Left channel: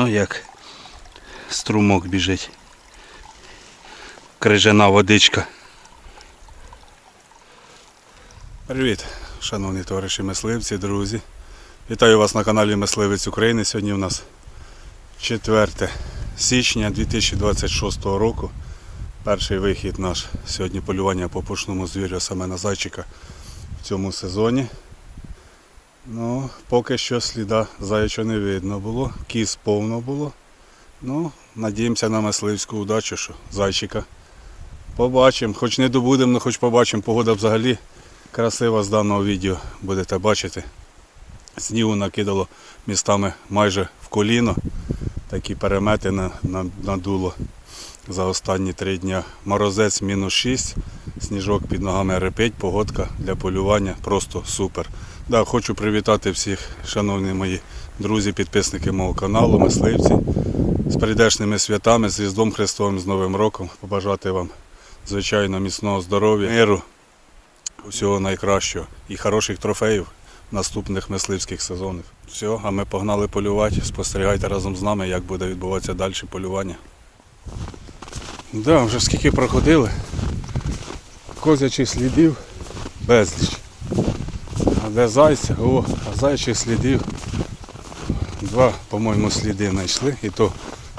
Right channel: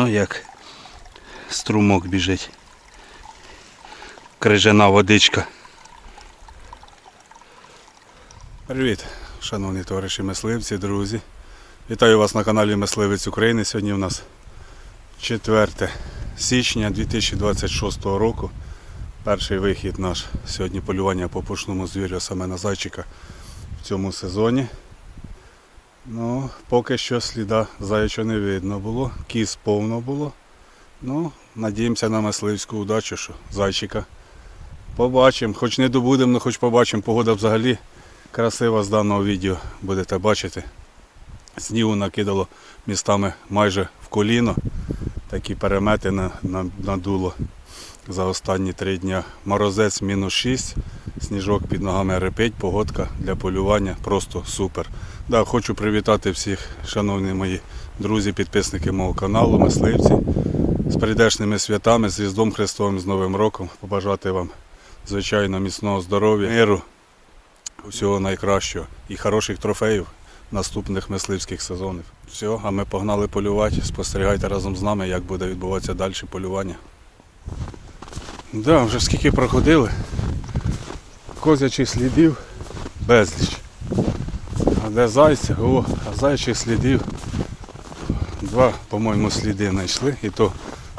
О, як струмок біжить. Крижана водичка. Привіт, шановні товариші мисливці, друзі. Вітаю вас на каналі Мисливець України. Сьогодні у нас 4 січня 2026 року. Перший вихід наш сьогодні полювання по пушному звірю саме на зайчика в цьому сезоні. Ну, поки що сліда заячого не видно було, кіз повно було. Ну, надіємося на мисливську удачу, що зайчика побачимо. Хоч не добудемо, але хоч побачимо. Погода взагалі красива з даного відео будете бачити. Снігу накидало містами майже в коліно. Такі перемети на- на- надуло за останні три дні. Морозець мінус 6, сніжок під ногами репить, погодка для полювання просто супер. Да, хочу привітати всіх, шановні мої друзі, підписники мого каналу, мисливці з прийдешними святами, з Різдвом Христовим, з Новим роком. Побажати вам, звичайно, міцного здоров'я, миру, всього найкращого і хороших трофеїв наступних мисливських сезонів. Все, а ми погнали полювати. Спостерігайте разом з нами, як буде відбуватися далі полювання. Да, вже скільки проходили. Козячих слідів безліч. А де зайця? О, а зайчих слідів. Два, по-моєму, сліди знайшли, і то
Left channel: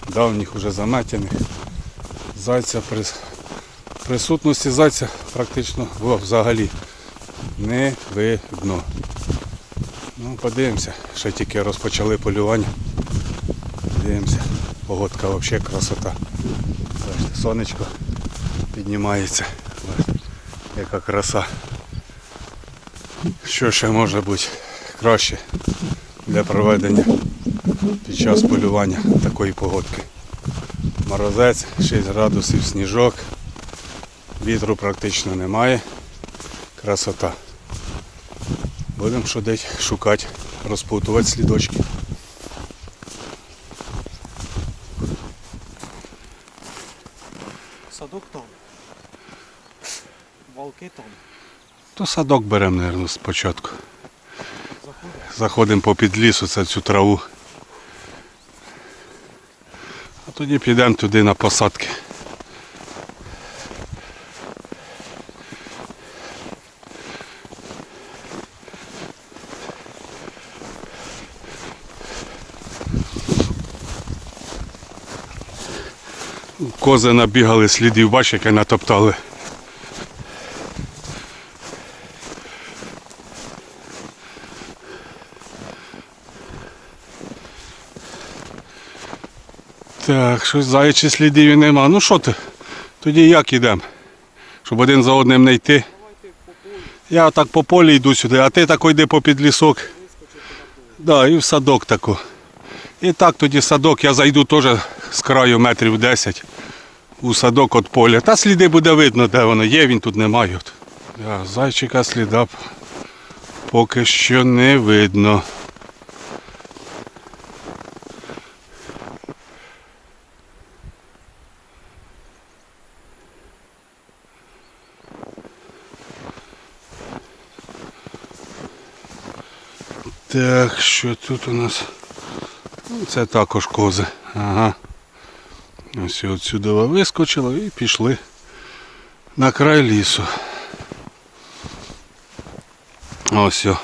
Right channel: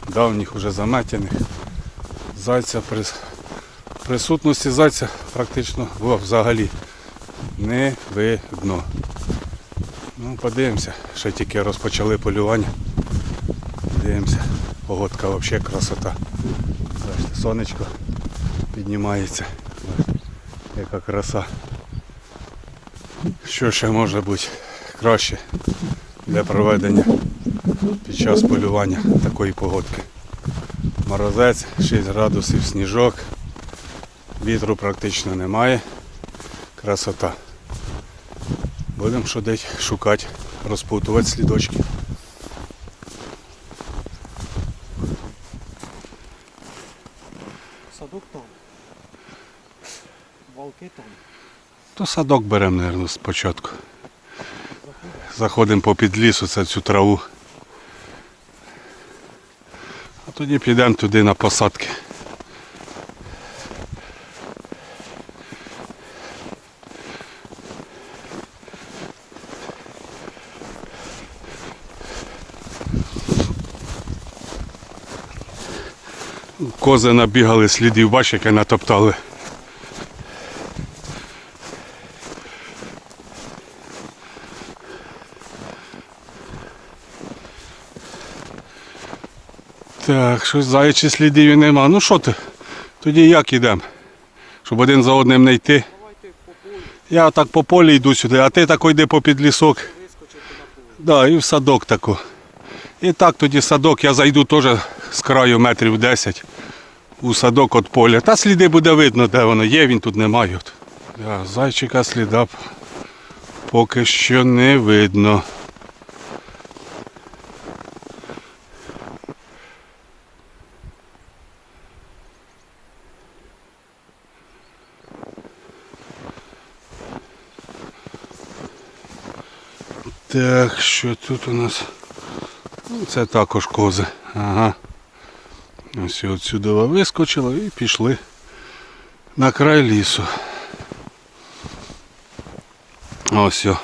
давніх уже заметених. Зайця при присутності зайця практично о, взагалі не видно. Ну, подивимося, ще тільки розпочали полювання. Дивимося. Погодка взагалі красота. Сонечко піднімається. Яка краса. Що ще може бути краще для проведення під час полювання такої погодки. Морозець, 6 градусів сніжок, вітру практично немає. Красота. Будемо що десь шукати, розпутувати слідочки. Садок там. Волки там. То садок беремо, мабуть, спочатку. Заходимо по під лісу, це цю траву. А тоді підемо туди на посадки. Кози набігали слідів, бачиш, яке натоптали. Так, щось заячі слідів і нема. Ну що ти? Тоді як ідемо? Щоб один за одним не йти. Я так по полі йду сюди, а ти тако йди по під лісок. Да, і в садок тако. І так тоді садок, я зайду теж з краю метрів 10 у садок від поля. Та сліди буде видно, де воно є, він тут немає. Зайчика сліда поки що не видно. Так, що тут у нас? Ну, Це також кози. Ага. Ось отсюди вискочили і пішли на край лісу. Ось. О.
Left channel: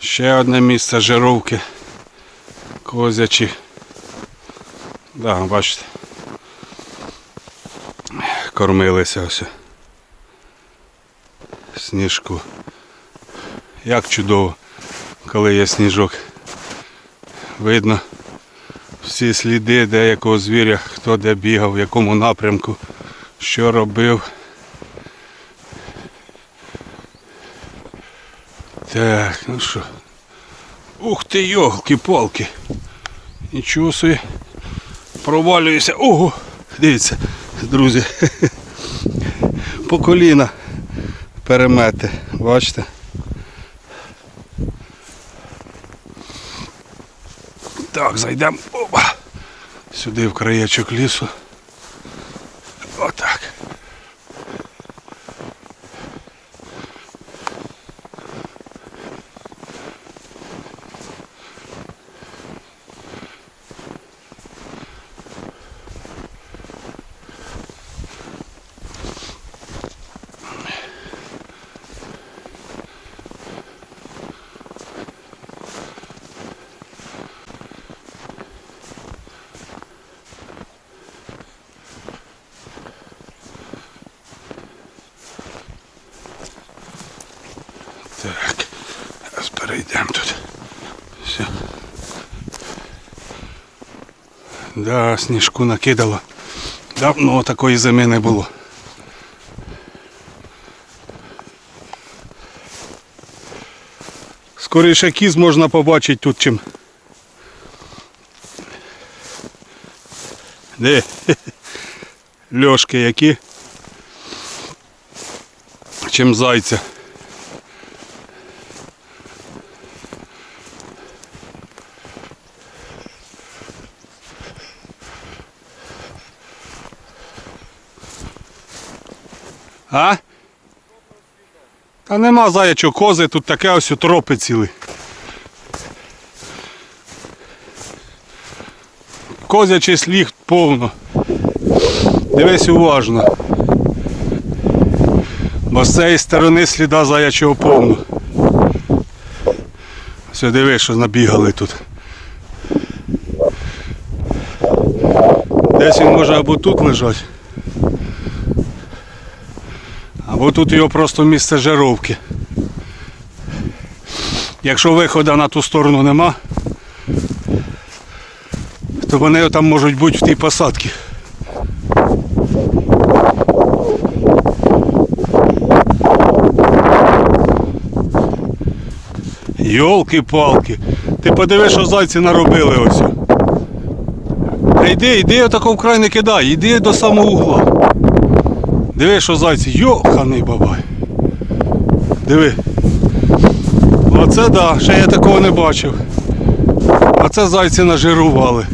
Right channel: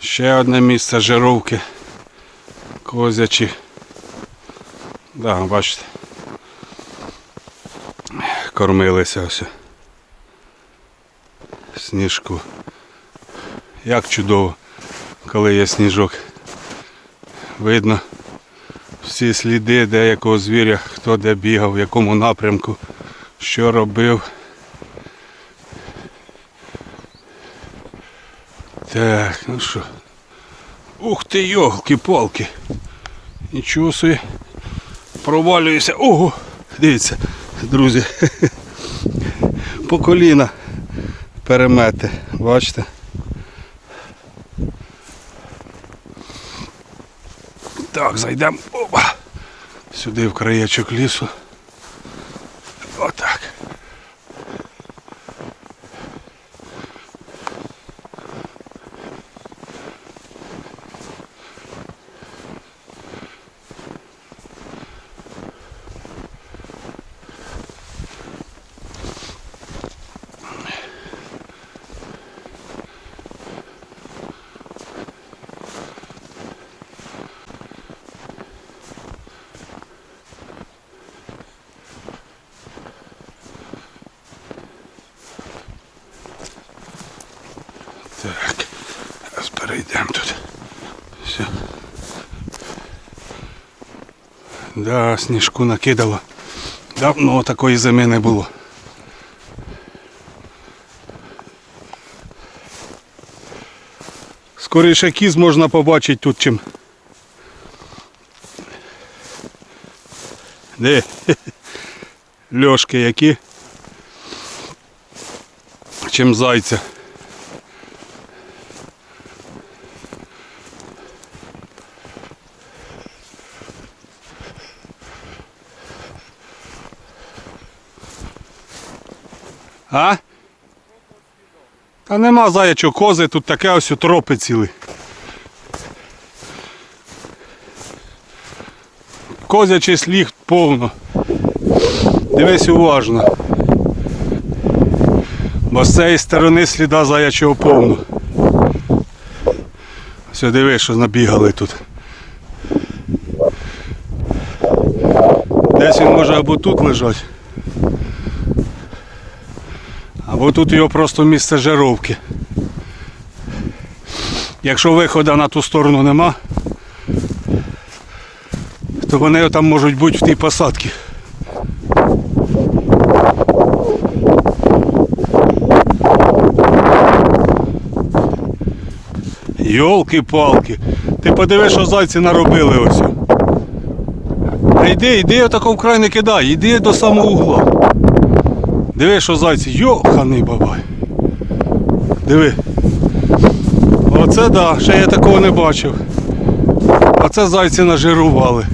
Ще одне місце жировки. Козячі. Да, бачите. Кормилися ось. Сніжку. Як чудово коли є сніжок. Видно всі сліди, де якого звіря, хто де бігав, в якому напрямку, що робив. Так, ну що. Ух ти, йолки-палки. Нічого собі. Провалююся. Ого! Дивіться, друзі. По коліна перемети. Бачите? Так, зайдемо сюди в краєчок лісу. Перейдемо тут. Все. Да, сніжку накидало. Давно такої зими не було. Скоріше кіз можна побачити тут, чим. Де? Льошки які. Чим зайця. А? Та нема заячого кози, тут таке ось тропи цілі. Козячий сліг повно. Дивись уважно. Бо з цієї сторони сліда заячого повно. Все, дивись, що набігали тут. Десь він може або тут лежать. Або тут його просто місце жировки. Якщо виходу на ту сторону нема, то вони там можуть бути в тій посадці. Йолки-палки. Ти подиви, що зайці наробили ось. Та йди, йди, отако вкрай не кидай, йди до самого угла. Диви, що зайці, йоханий бабай. Диви. Оце да, ще я такого не бачив. Оце зайці нажирували.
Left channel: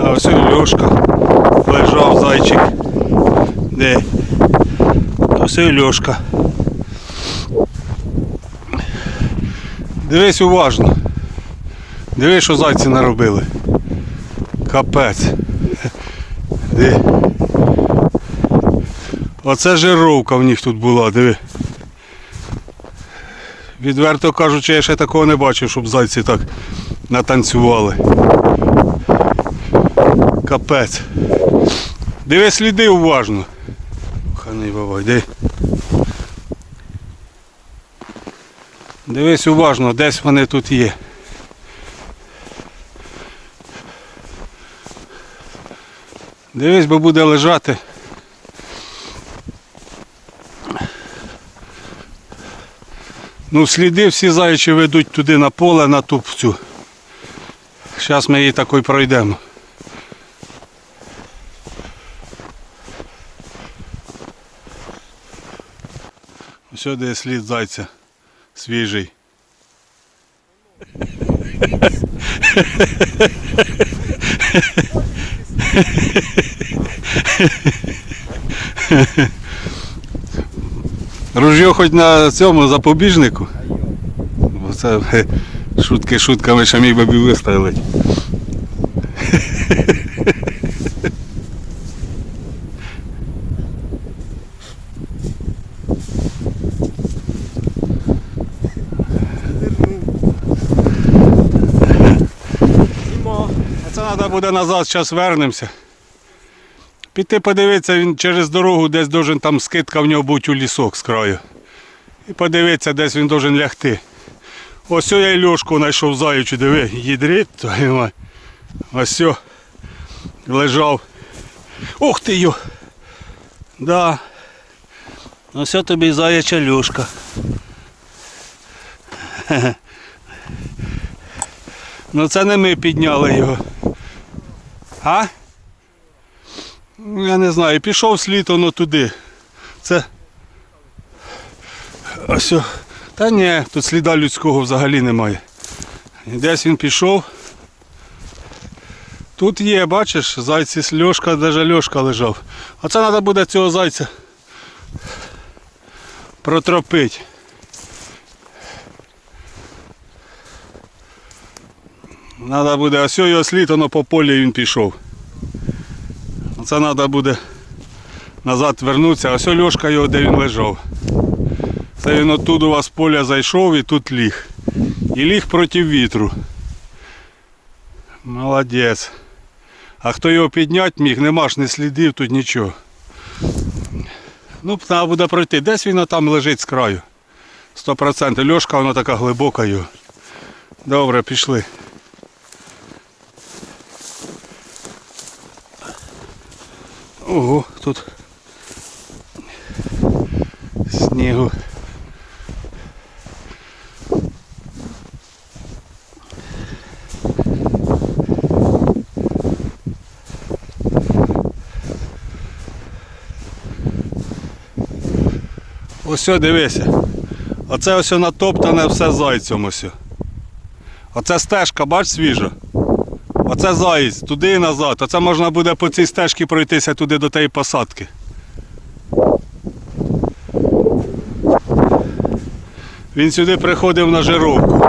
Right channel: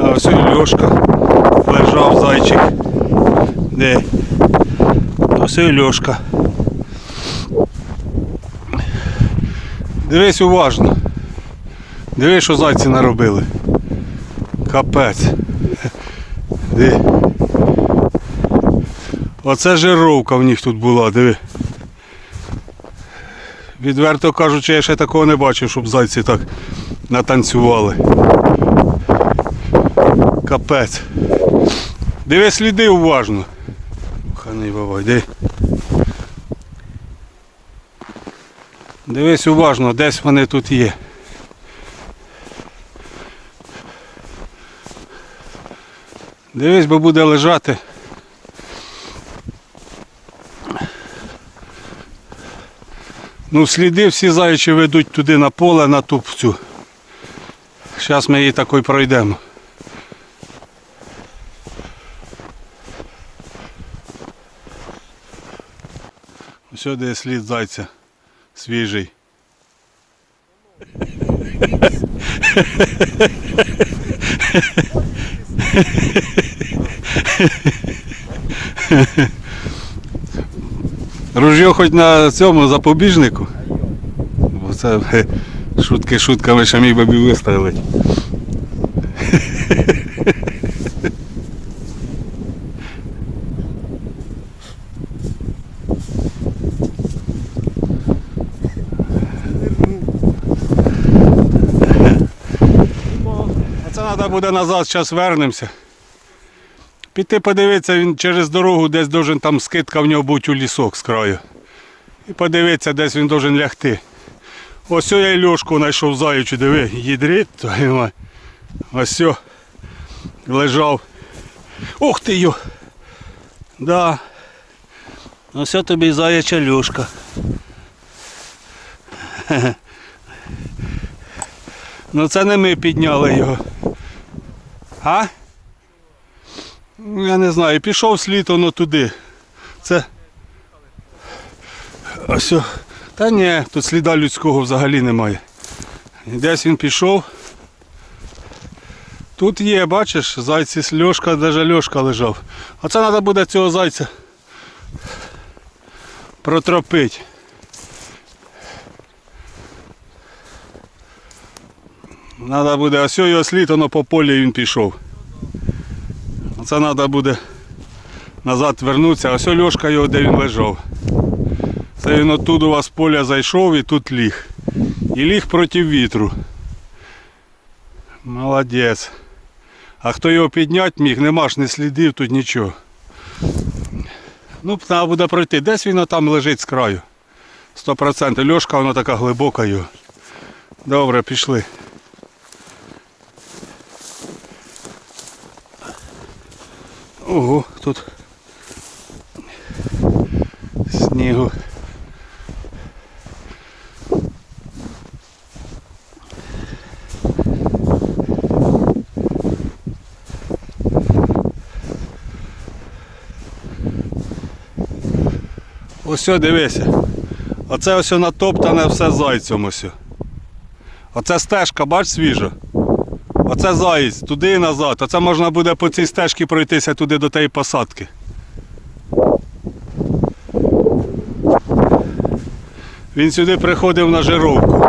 А ось і Льошка лежав зайчик. Де? Ось і Льошка. Дивись уважно. Дивись, що зайці наробили. Капець. Диви. Оце жировка в них тут була, диви. Відверто кажучи, я ще такого не бачив, щоб зайці так натанцювали. Капець. Диви сліди уважно. Ханий бабай, диви. Дивись уважно, десь вони тут є. Дивись, бо буде лежати. Ну, сліди всі заячі ведуть туди на поле, на ту цю. Зараз ми її такою пройдемо. Ось сюди слід зайця свіжий. Ружьо хоч на цьому запобіжнику. Бо це шутки шутками ще міг би б і виставити. Нирнув. Нема. А це треба буде назад, зараз вернемося. Піти подивитися, він через дорогу десь должен там скидка в нього бути у лісок з краю. І подивитися, десь він должен лягти. Ось я і льошку знайшов заючу, диви, їдрить, твою мать. Ось. Лежав. Ух ти йо! Да. Ось тобі і заяча льошка. Ну це не ми підняли його. А? Я не знаю, пішов слід воно туди. Це. Ось. Та ні, тут сліда людського взагалі немає. Десь він пішов. Тут є, бачиш, зайці льошка, навіть льошка лежав. А це треба буде цього зайця протропити. Треба буде, ось його слід, воно по полі він пішов. Це треба буде назад вернутися. Ось Льошка його, де він лежав. Це він оттуда у вас з поля зайшов і тут ліг. І ліг проти вітру. Молодець. А хто його підняти міг, нема ж ні слідів, тут нічого. Ну, треба буде пройти. Десь він там лежить з краю. Сто процентів. Льошка вона така глибока його. Добре, пішли. Ого, тут снігу. Ось дивися. Оце ось натоптане все зайцем ось. Оце стежка, бач свіжа. Оце заїзд, туди і назад. Оце можна буде по цій стежці пройтися туди до тієї посадки. Він сюди приходив на жировку.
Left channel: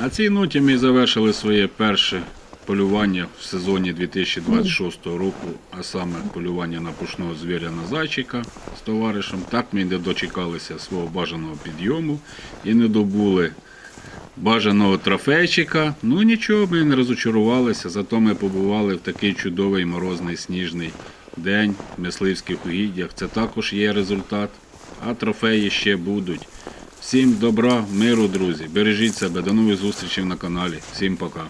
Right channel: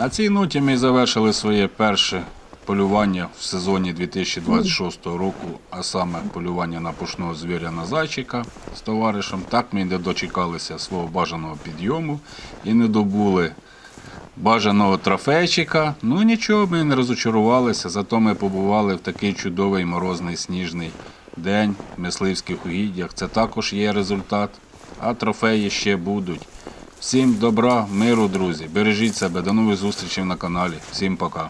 На цій ноті ми завершили своє перше полювання в сезоні 2026 року, а саме полювання на пушного звіря на зайчика з товаришем. Так ми не дочекалися свого бажаного підйому і не добули бажаного трофейчика. Ну нічого, ми не розочарувалися, зато ми побували в такий чудовий морозний сніжний день в мисливських угіддях. Це також є результат, а трофеї ще будуть. Всім добра, миру, друзі. Бережіть себе. До нових зустрічей на каналі. Всім пока.